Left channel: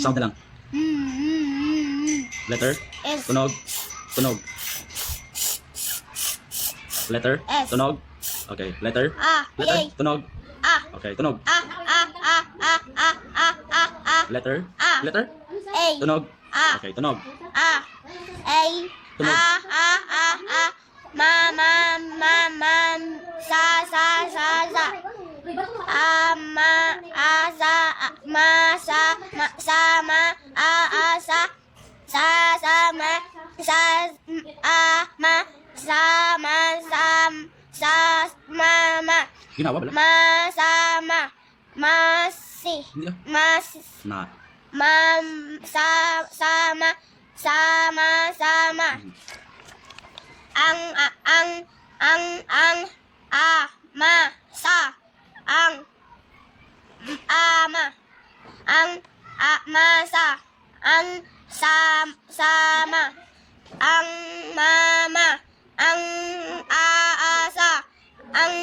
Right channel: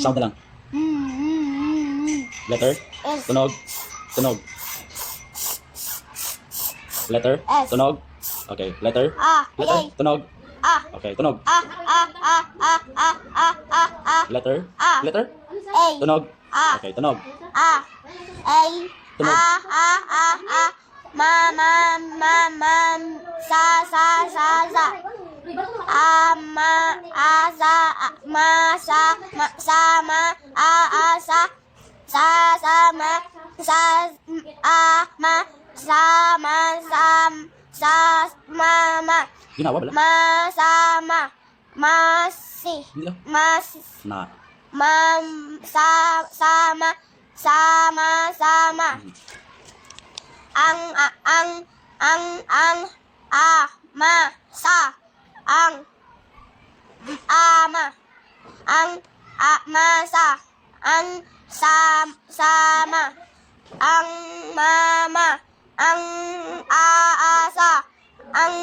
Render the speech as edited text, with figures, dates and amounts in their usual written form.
Sound na lang. Letter. S. Tunog. Tunog. Letter. S. Tunog. Okay. Letter. A. Letter. Yay. Tunog. A. Okay. Tunog. A. A. A. A. A. A. A. A. Letter. A. Letter. A. Tunog. A. Okay. Tunog. A. A. Tunog. A. A. A. A. Ma. Ma. Ma. Ma. Sa. Sa. Sa. Sa. A. Ma. A. Sa. A. Ma. Sa. Ma. Sa. Ma. A. A. Sa. Sa. Sa. Ma. Sa. A. Ma. Sa. Ma. Sa. Sa. Ma. Ma. Ginawa bala. Masama. Masi. Hindi lang. Mas. Na. Sama. Sama. Ang. Ma. Sa. Ang. Ama. Ang. Masa. Ang. Sama. Ang. Mama. Ang. Aasa. Ang.